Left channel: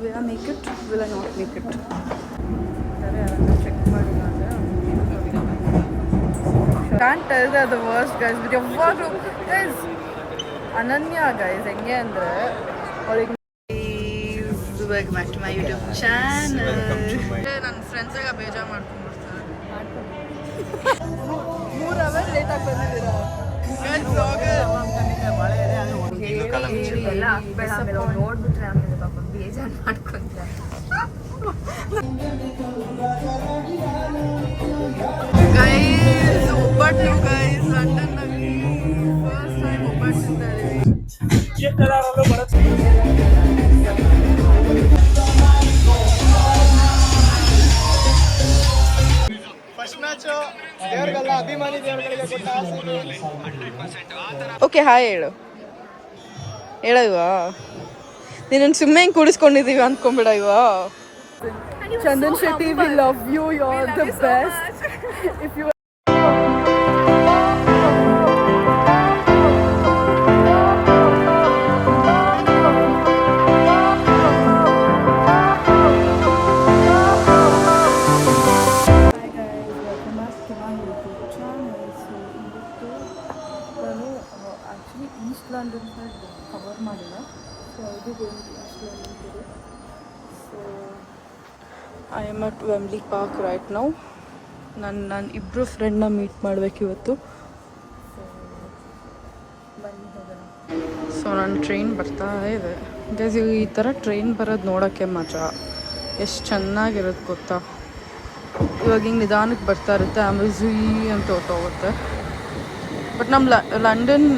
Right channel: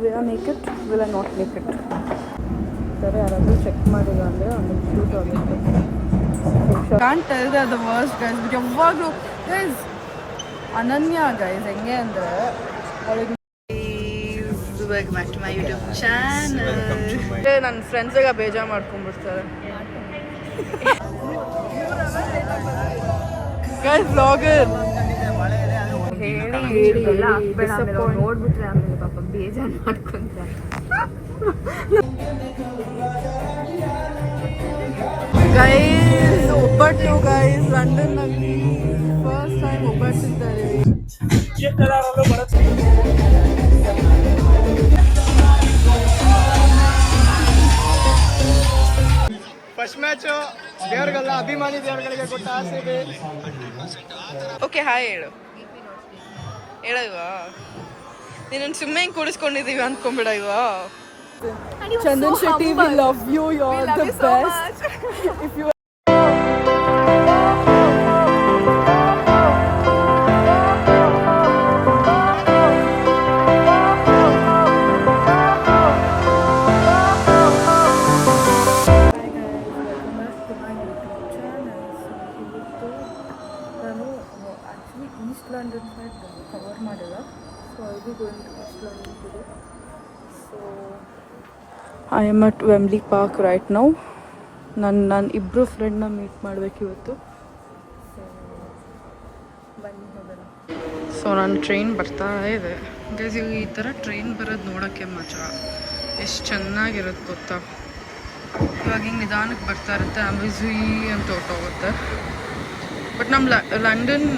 Will I make it, will I not make it? ಸರಿ, ಯಾರಾದರೂ check ಮಾಡಿಲ್ಲ ಅಂದರೆ can't tell the the worst guys. But ಯಾವಾಗಲೂ guys Ananya guys ಹೆಂಗೆ ಅಂದರೆ ಅವಳಿಗೆ welcome back to my YouTube channel. ನನ್ನ ಫ್ರೆಂಡ್ಸಿಗೆ ಬೇಜಾರು ಮಾಡ್ಕೊಂಡ್ಬಿಡ್ತಾರೆ. 3 ಅವರ್ ಲೇಟಾಗಿ ಬಂದಿದ್ದೀರೋ ಗೈಸ್ ವ್ಲಾಗರ್ ಹೇಳಿ ನೋಡ್ಬಿಟ್ರೆ ಆಮೇಲೆ ಪಾಪ ಬೇಜಾರು ಮಾಡ್ಕೊಂತಾರೆ. ಗೈಸ್ ಒಬ್ಬಟ್ಟು ಗೈಸ್ ಲಂಡನ್ನಲ್ಲಿ ಫಸ್ಟ್ ಟೈಮ್ ಒಬ್ಬಟ್ಟು ತಿಂತಾ ಇದೀವಿ. ಓಕೆ ಹಾಯ್ ಹೇಳು ಇವಾ ನೀನು ಸುಮ್ಮನೆ ಹಿಂಗೆ ಕೂಡಿಸ್ಕೊಂಡಿದ್ದೀವಿ ಅಂದ್ಕೊಂಬಿಡ ಇವಾ. Chandan Shetty we love you, you are the best. If you East London side cover ಮಾಡಿಲ್ಲ. So I be going to East London today. So I am at Wembley Park right now. ನಾನು ಇಬ್ಬರು ಫ್ರೆಂಡ್ನ ಮೀಟ್ ಮಾಡಬೇಕು ಇವತ್ತು. ಸೊ ಬನ್ನಿ ಹೋಗೋಣ. So ನನ್ನ train ಬರ್ತಾ ಇದೆ ಗೈಸ್. ಈ ಥರ ಟ್ರೈನ್ ಬರೋದು ನೋಡೋಕ್ಕೆ ಮಜಾ ಎಷ್ಟು ಚೆನ್ನಾಗಿರುತ್ತೆ ಗೊತ್ತಾ. ಇವಾಗ ಹಿಂಗೆ ನಿಧಾನಕ್ಕೆ ಬರ್ತಾ ಇರುತ್ತೆ, ಆಮೇಲೆ ಝುಯಿ ಅಂತ ಹೊರಟೋಗುತ್ತೆ. ಬಟ್ ನಮ್ಮ ಲಂಡನ್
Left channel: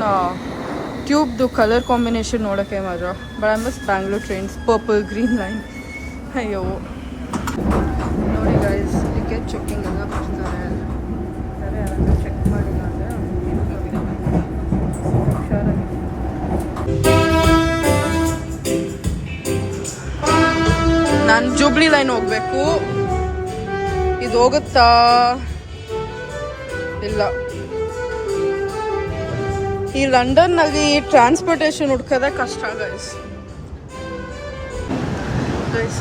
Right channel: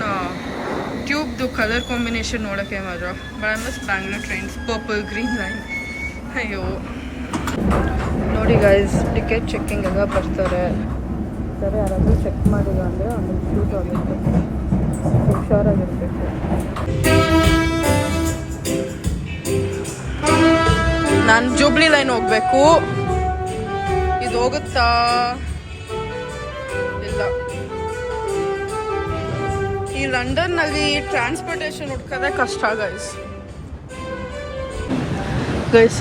ಟ್ಯೂಬ್ದು ಕಲರ್ ಕಾಂಬಿನೇಷನ್ ನೋಡೋಕ್ಕೆ ಮಜಾ. But I miss Bangalore trains, purple green line. ಅಯ್ಯೋ ನೋಡಿ ಗೈಸ್, ಟಿಕೆಟ್ ಚೆಕ್ಕಿಂಗ್ ಎಲ್ಲ ಬರ್ತಾರೆ. ಸರಿ, ಯಾರಾದರೂ ಚೆಕ್ ಮಾಡಿಲ್ಲ ಅಂದರೆ ಹುಷಾರಾಗಿರುತ್ತೆ. ನಾನು ಜೂಬ್ಲಿ ಲೈನ್ ಹೋಗಬೇಕು. ಇದು ಹೋಗುತ್ತಾ ಇಲ್ಲ. ಈ ಲಂಡನ್ನಲ್ಲಿ ಟ್ರಾನ್ಸ್ಪೋರ್ಟೇಷನ್ ಹುಡ್ಕೋದೇ ಕಷ್ಟ ಗೈಸ್.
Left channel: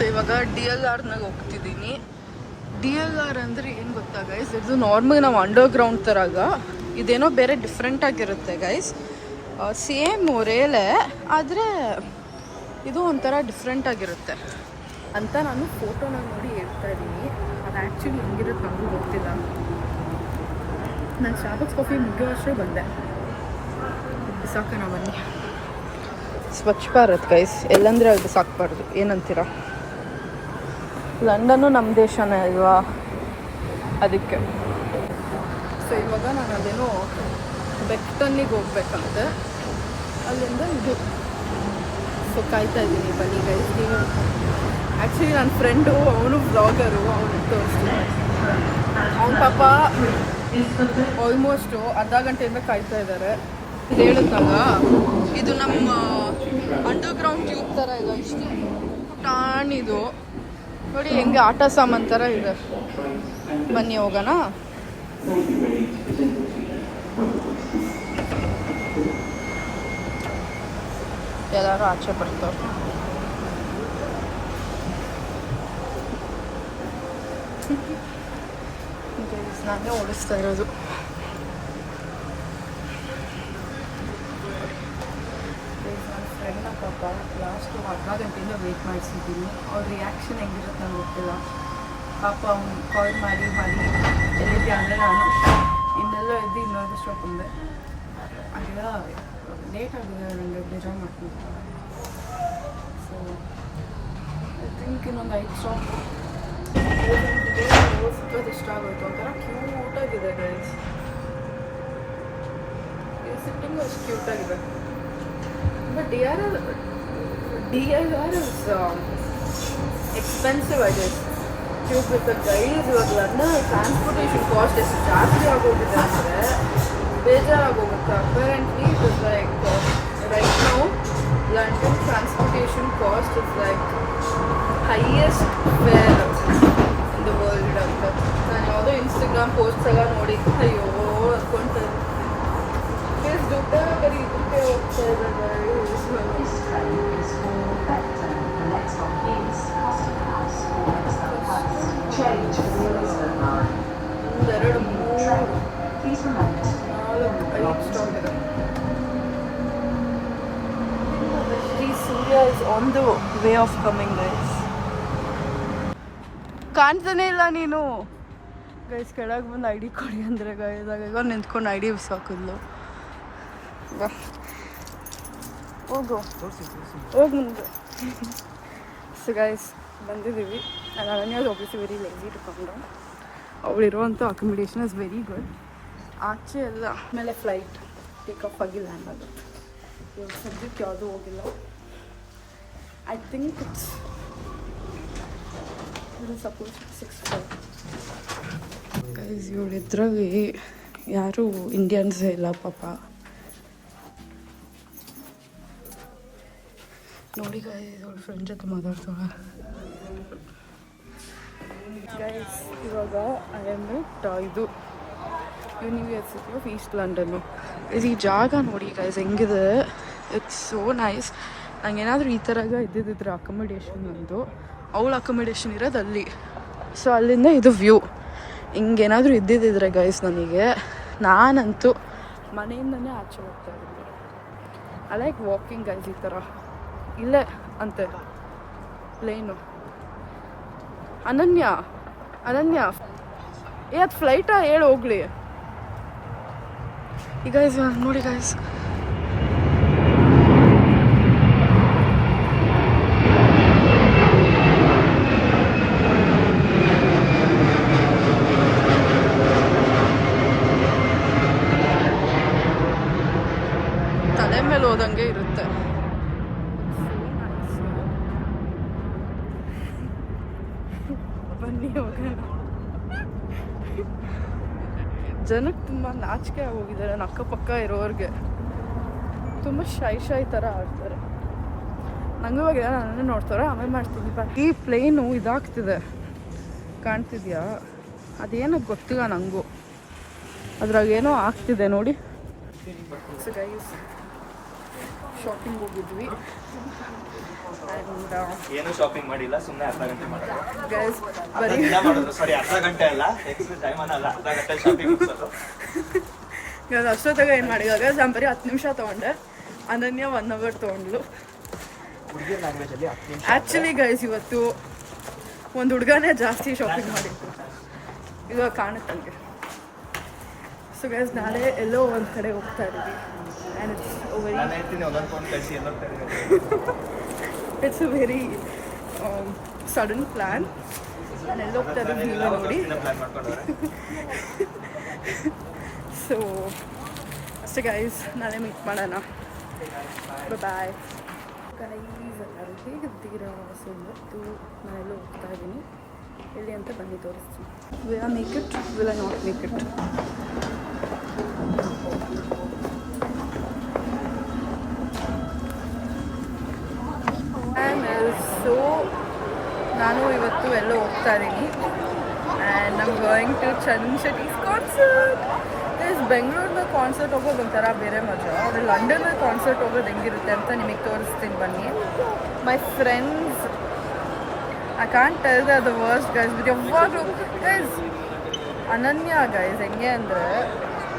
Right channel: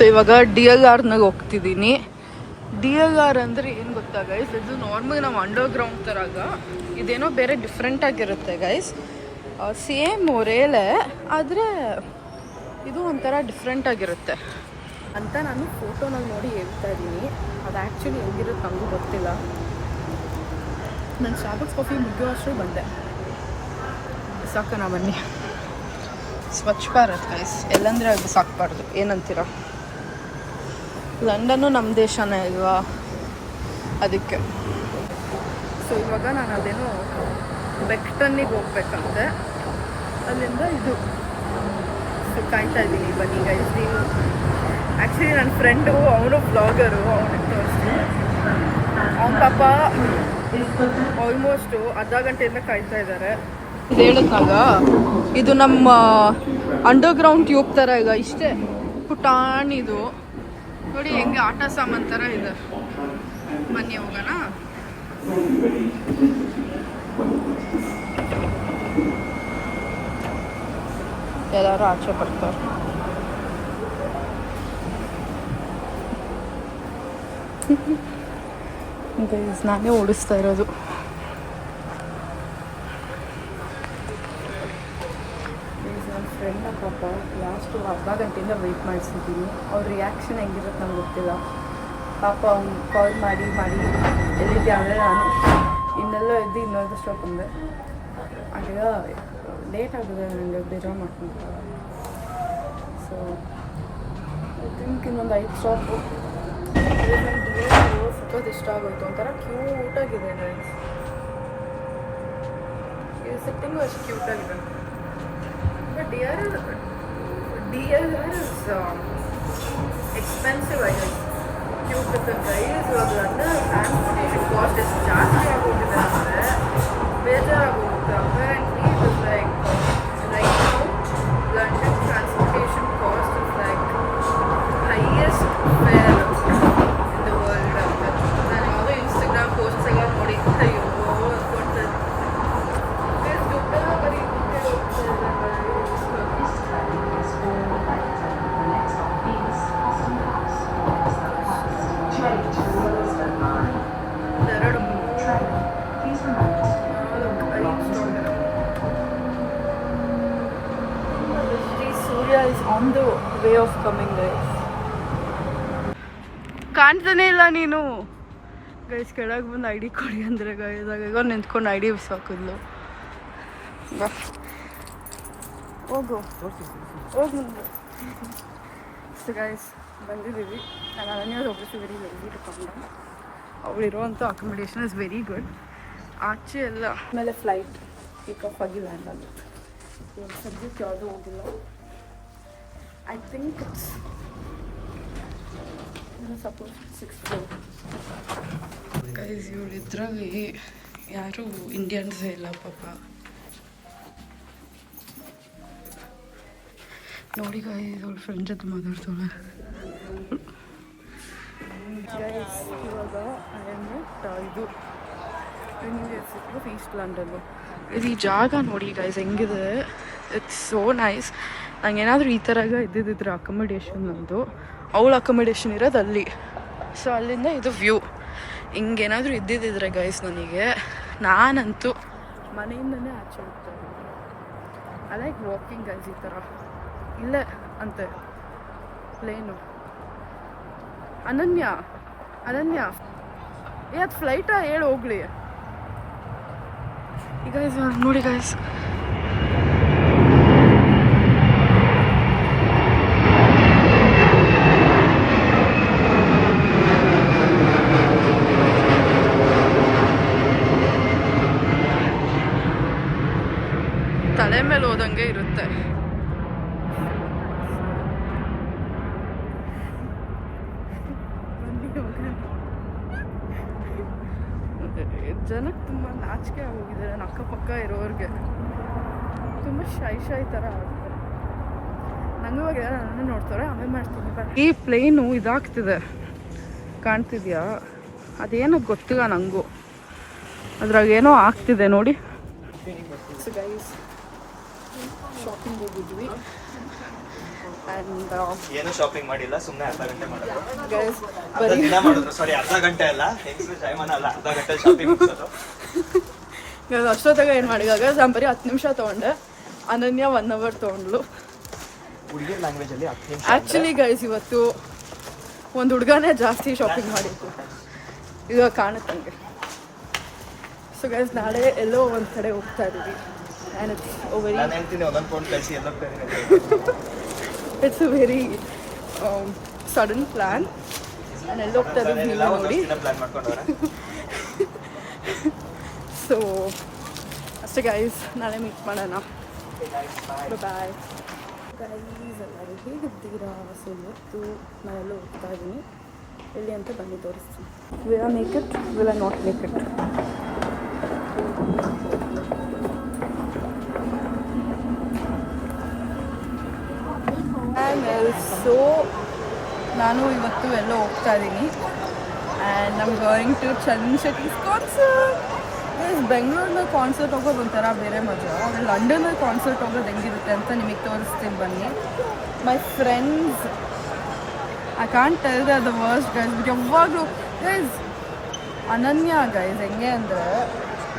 ಇವಾಗ DLRನಾಗ ಹೋಗ್ತಿದ್ದೀನಿ. DLR ಅಂದರೆ ಏನು ಗೊತ್ತಾ ಗೈಸ್, ಇದು ನಾರ್ಮಲ್ ನಾವು ಅಂಡರ್ಗ್ರೌಂಡ್ ಥರಾಗ, ಇದೇನೋ ಬೇರೆ ಡಿಫ್ರೆಂಟ್ ಆಗಿರುತ್ತೆ ಗೈಸ್. ಸೇಮ್ ರೇಲೇ ಆದರೆ ಇದು ಒಂಥರ ಡಿಫ್ರೆಂಟ್ ಆಗಿರುತ್ತೆ ಅಂತ ನಾನು ಫೋಟೋನಾಗ ನೋಡಿ ಹೇಳ್ತಾ ಇದ್ದೀನಿ. ಅದು ಆ್ಯಕ್ಚುಲಿ ಹೆಂಗಿರುತ್ತೆ ನಮಗೂ ಗೊತ್ತಿಲ್ಲ. ನಾನು ಸ್ಟಾರ್ಬಕ್ಸ್ ಕಾಫಿ ಮುಗಿಯುವಷ್ಟೇ ಬಂದೆ. ಬಿಸಾಕೋಣ ಬನ್ನಿ. ಸ್ವಚ್ಛ ಭಾರತ್ ಗೈಸ್, ಎಲ್ಲಂದ್ರೆ ಅದು ಬಿಸಾಕಬಾರ್ದು. ಏನಂತೀರ? ಲಂಡನ್ನು ನಮ್ಮ ದೇಶನೇ ಅಲ್ವಾ, ಅದಕ್ಕೆ. ಸೊ ಇವಾಗ ನಾನು ಅದೇನೋ ಬೆಕ್ಟನ್ನಿಗೆ ಹೋಗ್ಬೇಕಂತೆ, ಅಲ್ಲಿಂದ ಇದು. ಸೊ ಕಾಯ್ತಾ ಇದ್ದೀನಿ, ಬನ್ನಿ ಗೈಸ್. ನೀವು ಆ್ಯಕ್ಚುಲಿ ನನ್ನ ಫ್ರೆಂಡು, ಅವನು ಬ್ಲಾಗರು, ಅವನಿಗೆ ತೋರಿಸ್ತೀನಿ. ಅವನ ಪಾಪ ಆಲ್ಮೋಸ್ಟು ಅರ್ಧ ಗಂಟೆಯಿಂದ ಕಾಯ್ತಾ ಇದ್ದಾರೆ. ಇದು ಹೇಳಿದ್ನಾಗ ಇದು ನಮ್ಮ ಅಂಡರ್ಗ್ರೌಂಡ್ ಟ್ಯೂಬ್ ಥರ ಈಗ ಇಷ್ಟೇ ಪುಟಾಣಿದು ನೋಡಿ, ಹೆಂಗೆ ಆಟ ಸಾಮಾನು ಥರ ಇದೆ. ಬನ್ನಿ ಹೋಗೋಣ. ಎಲ್ಲರೂ ಆಚೆ ಬರ್ತಾರೆ. ನಾನೇ ಓಡಿಸ್ತಾ ಇರೋದು. ಲಾಸ್ಟು ಅರ್ಧ ಗಂಟೆಯಿಂದ ವೆಯ್ಟ್ ಮಾಡಿಸಿದ್ದೀನಿ. ಅವ್ರ ರಿಯಾಕ್ಷನ್ ಹೆಂಗಿರುತ್ತೆ ನಂಗೆ ಗೊತ್ತಿಲ್ಲ. ಪಾಪ ಅವ್ನು ಕಾಲ್ ಮಾಡಿ ಎಲ್ಲಿದ್ದೆ ಅಂದರೆ ನಾನು ಇನ್ನೆಲ್ಲ ಎದ್ದು ಇನ್ನೊಂದು ಸ್ಟಾಪ್ ಬಂದೆ. ಆಗ ಲೇಟ್ ಆಗಿದೆ, ನನಗೆ ಬೇಜಾರು ಮಾಡ್ಕೊಂಡ್ರೆ. ಸೊ ಐ ಥಿಂಕ್ ಇನ್ನೊಂದು 5 ಸ್ಟಾಪು. ಸಖತ್ ಇಷ್ಟ ಆಗೋಯ್ತು. ಒಂಥರ ಕ್ಯೂಟಾಗಿದೆ ಗೈಸ್. ಇದು ಸಿಟ್ಟಿಂಗು ಅಷ್ಟು ಕ್ಯೂಟಾಗಿದೆ. But DLR is expensive, I guess. Tube with the guys, ಇವಾಗಲಂದ್ರೆ ಟ್ರಾನ್ಸ್ಪೋರ್ಟೇಷನ್ ಕಾಸ್ಟ್ ಎಷ್ಟು ಜಾಸ್ತಿ ಆಗೋಗಿದೆ ಅಂದರೆ ಬೇಜಾರಾಗೋಗುತ್ತೆ. Apparently it is like right now London transportation cost is like highest fare in the world ಅಂತ. ನಾನು ಯಾವುದೋ ಇನ್ಸ್ಟಾಗ್ರಾಮ್ ಪೋಸ್ಟ್ಸ್ ಎಲ್ಲ ನೋಡಿ ಅಯ್ಯೋ ಅಂದ್ಕೊಳ್ತಾ ಇದ್ದೆ. ದುಡ್ಡೆಲ್ಲ ಬರೀ ದುಡ್ಡೇ ಹೋಗ್ತಾ ಇದ್ದಾರೆ. Of coming guys. ಕಾಣ್ತಾನೆ ಇಲ್ಲ ನೀನು ಗೈಸ್. ಕೆಳಗೆ ಬಂದು ಐ ಡಿ ಕೊಡಿ ಅಂದರೆ ಗೈಸ್ ಆಗ ನಿಂತ್ಕೊಂಡು ಐ ಡಿ ಸಾಕಿದ್ಲು. ಬಾ ಹೋಗು ಹೋಗಿ ನಿಂದು. ಸೊ ಗೈಸ್ ಬಂದಿದ್ದೀವಿ. ನಾನು ಒಬ್ಬಿಸಿ ವೆರಿ ವೆರಿ ತಗೊಂಡೆ. ಅವಳಿರುವಂಥ ಅಕೊಮಿಡೇಷನ್ ಇಸ್ ವೆರಿ ಗುಡ್. ಆಚೆ ಎಲ್ಲ ಆಮೇಲೆ ಫ್ಲೈಟ್ ಟೇಕ್ ಆಫ್ ಆಗಿ ಲ್ಯಾಂಡ್ ಆಗುತ್ತೆ. ಇವಾಗ ಸದ್ಯಕ್ಕೆ ಯಾವುದೂ ಹೋಗಿಲ್ಲ. I think it's suppose 6 floor. Guys ಇವ್ರಿದ್ರಲ್ಲಿ ಯಾರೂ ಇಂಡಿಯನ್ಸ್ ಇಲ್ಲ ಪಾಪ. ನೋಡಿ ಗೈಸ್ ಅವ್ಳ ಫ್ರೆಂಡ್ ಜೊತೆ ಮಾತಾಡ್ತಾಳೆ. ಗೈಸ್ ಇವಾಗ ಇದು ಯೂನಿವರ್ಸಿಟಿ ಆಫ್ ಈಸ್ಟ್ ಲಂಡನ್. ಈ ಜಾಗ ನೋಡಿ ಗೈಸ್ ಹೆಂಗಿದೆ. It's so nice. ನಂಗೇನಾದರೂ ಈ ಥರ ಇದ್ದಿದ್ದಿದ್ರೆ ಅಕೊಮಿಡೇಷನ್ ಅಂದು ಅವಳ ಅಕೊಮಿಡೇಷನ್ ಇರೋದು ಅಲ್ಲಿ. ಸೊ ಅಲ್ಲಿಂದ ಇದು ವ್ಯೂ. ಹಿಂಗೇನಾದರೂ ಇದ್ದಿದ್ದಿದ್ರೆ ಗೈಸ್ ನನಗೆ, ನಾನಂತೂ ಮನೆಯಿಂದನೇ ಆಚೆ ಹೋಗ್ತಾ ಇದ್ದೆ. I like walking guys. ಈ ಥರ ಇಲ್ಲೇ ಅಂತೆ ಪ್ಲೇನು. ಅನನ್ಯ ಅದು ಫ್ಲೈಟಾ ಹೇಳಿ ಹೋಗ್ಲಿ. ಈಗ ನೋಡಿ ಗೈಸ್ ತಲೆ ಮೇಲೆ ಹೋದಂಗೆ ಇರುತ್ತೆ. ಜನಕ್ಕೆ ತುಂಬ ನಾಚಿಕೆ ಆಗೋಗಿದ್ದಾರೆ. ನನ್ನ ಅಕ್ಕಪಕ್ಕ ಇರೋರಿಗೆ ತುಂಬ ಶೈ ಥರ ಆಗ್ತಾರೆ. ನಂಗೆ ಇವಾಗ ಯಾರು ನನ್ನ ನೋಡ್ತಾರೆ. ಆಮೇಲೆ ಮಾಡ್ತೀನಿ. ಈ ಪ್ಲೇನು ಇದಾಗ್ತಿದೆ ಕಾಣ್ತಿದ್ಯಾ? ಅದೇನೋ ಗೊತ್ತಿಲ್ಲ ನನಗೂ. ಅದ್ರಾಗ ಏನೋ ಆಗ್ತಿದೆ ನೋಡಿ. ಸೊ ಗೈಸ್ ಶಾಪಿಂಗ್ ಹೋಗಿದ್ವಿ. ಏನು ಶಾಪಿಂಗ್ ಮಾಡಿಲ್ಲ, ಸುಮ್ಮನೆ ಅರ್ಧ ಗಂಟೆ ಮಾಡಿದ್ವಿ ಗೈಸ್. ಬರೀ ಅರ್ಧ ಗಂಟೆ ಅಲ್ಲ, ಅರ್ಧ ಗಂಟೆ ಶಾಪಿಂಗ್. ಅಷ್ಟೊತ್ತಾಗ ಏನು ಮಾಡಿದಾಗ ನಾನು ಬರೀ 10 ನಿಮಿಷ ತೊಗೊಂಡೆ. ಅನನ್ಯ 1 hour ತೊಗೊಂಡ್ಲು. ಆ್ಯಕ್ಚುಲಿ ಗೈಸ್ ಇವತ್ತು ಒಂದು ಹುಡುಗನೇ ಜಾಸ್ತಿ ಶಾಪಿಂಗ್ ಮಾಡಿತ್ತು. ಇವಾಗ ಕಾಣುತ್ತಂಗೆ. ಸೊ ಗೈಸ್ ನಾಳೆ ಎಲ್ಲೋ ಒಂದು ಕಡೆ ಹೋಗ್ತಾ ಇದ್ದೀವಿ. It's a very sudden plan. ನಾನು ಎಲ್ಲಿ ಹೋಗ್ತಾ ಇದ್ದೀವಿ ಇಲ್ಲ ನೋಡಿ. ಸೊ ಅಷ್ಟೇ ಗೈಸ್, ನಾಳೆ ಮೀಟ್ ಮಾಡೋಣ. Bye guys. ಎಲ್ಲರೂ ಹೇಗಿದ್ದೀರಾ? ಸೊ ಇವತ್ತು ನಾನೆಲ್ಲೋ ಹೋಗ್ತಾ ಇದ್ದೀನಿ. ಎಲ್ಲಿ ಅಂತ ಬನ್ನಿ ತೋರಿಸ್ತೀನಿ. Will I make it, will I not make it? So ನಾನು ಇವತ್ತು ಎಲ್ಲೋ ಹೋಗ್ತಾ ಇದ್ದೀನಿ. And I'm going to Chandan Shetty's concert. ಬೆಂಗಳೂರಿನ ಕಾನ್ಸರ್ಟ್ ಹೋಗೋದು ಒಂಥರ ಬೇರೆ ಮಜಾ. ಆದರೆ ಲಂಡನಲ್ಲಿ ಕಾನ್ಸರ್ಟ್ ಹೋಗೋದು ಹೆಂಗಿರುತ್ತೆ ಅಂತ ನಿಮಗೆ ತೋರಿಸ್ತೀನಿ ಬನ್ನಿ. My friends, I can't tell the worst guys, but ಯಾವಾಗಲೂ ಗೈಸ್ ಅನನ್ಯ ಗೈಸ್ ಹೆಂಗೆ ಅಂದರೆ,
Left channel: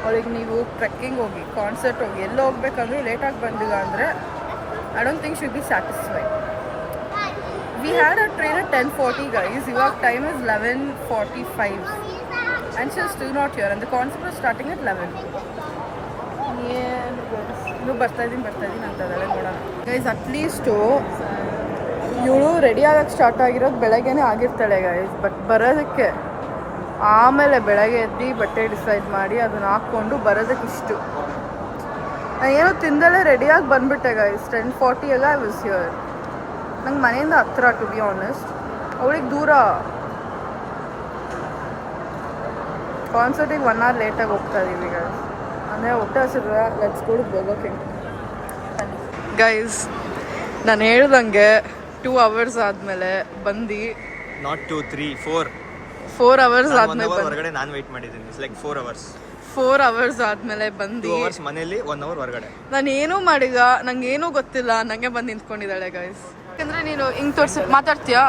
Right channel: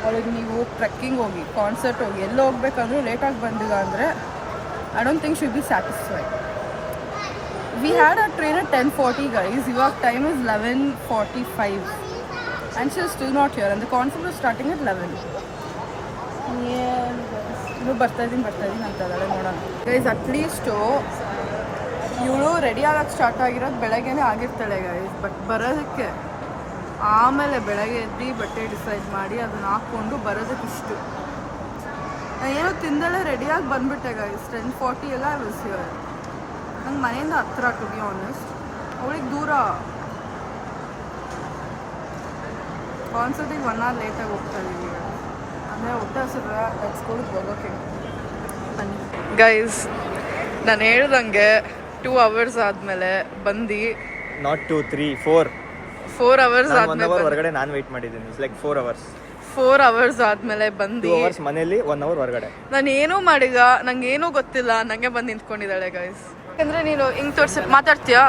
ಅವಳಿಗೆ ನೀವು ಟ್ರೆಕ್ಕಿಂಗ್ ಹೋಗಿ ಕಾನ್ಸರ್ಟ್ ಹೋಗಿ ಎಲ್ಲೋ ಹೋಗ್ಬೇಕಂದ್ರೆ ಲೇಟಾಗಿ ಬಂದಿಲ್ಲ ಅಂದರೆ I don't think should be satisfied. We had our train at 10:40 guys. Your time is 11:45 and she's still not here and the concert was starting at 11. ಇನ್ನು ಬರ್ತಾ ಇದ್ದೀನಿ ಅಂತದಲ್ಲ ನೋಡೋಣ ಗೈಸ್. ಅಟ್ಲೀಸ್ಟು ಇವಳು ರೆಡಿ ಆಗಕ್ಕೆ ಸ್ಟಾರ್ಟ್ ಆಗಿರೋದು ಬೆಳಗ್ಗೆನೇ ಆಗಿರ್ತಾಳೆ ಗೈಸ್. ಬಟ್ ಬರೋದಕ್ಕೆ ಆಮೇಲೆ ಬೆಳಗ್ಗೆ ಎದ್ದು ಬಟ್ಟೆ ಡಿಸೈಡ್ ಮಾಡಿ ಅದನ್ನು ಹಾಕ್ಕೊಂಡು ಬರೋದಕ್ಕೆ ಇಷ್ಟು. ನಾನು ಏನೋ ತಿಂದಲೇ ರೆಡಿಯಾಗಿ ಬಂದುಬಿಟ್ಟೆ ಗೈಸ್. 10:40 ಎಲ್ಲ ಐ ವಾಸ್ ಹಿಯರ್. ನಂಗೆ ಮನೆಯಿಂದ ಹತ್ರ ಟು ಬಿ ಆನೆಸ್ಟ್, ಅವಳಿಗೆ ದೂರ. ಕಾನ್ಸರ್ಟಿಗೆ 1 hour ಲೇಟಾಗಿ ಹೋಗ್ತಾ ಇದ್ದೀವಿ ಈಗ. ಅಂದರೆ ಹೊಟ್ಟೆ ಹಸಿರು ಲೆಟ್ಸ್ ಗೋ ಗೋವಾಕ್ಕೆ ಗೈಸ್. ನಾನು ಹೇಳ್ದಂಗೆ 2 hours ಆದಮೇಲೆ ಬಂದು, ನಾಟ್ 2 3 4 hours ಆದಮೇಲೆ ಹೊರಗಡೆ ನಾನು ವೆಯ್ಟ್ ಮಾಡಿದ್ದೀನಿ. It's like 4 hours. 4 hours ಆದಮೇಲೆ ಬಂದು ಮನೇಲಿ 1 hour ಹೊರಗಡೆ. ನಾನು ಏನೂ ಮಾಡಿಲ್ಲ, ನಂಗೆ ಏನೂ ಗೊತ್ತಿಲ್ಲ, ನನಗೆ ಬಂದು ನಿಂತ್ಕೊಂಡಿದ್ದಾಳೆ ಗೈಸ್. ಯಾಕಂದರೆ ನೀನು ಹಿಂಗೆ ತೋರಿಸಿ ಮಾತಾಡ್ತೀಯಾ?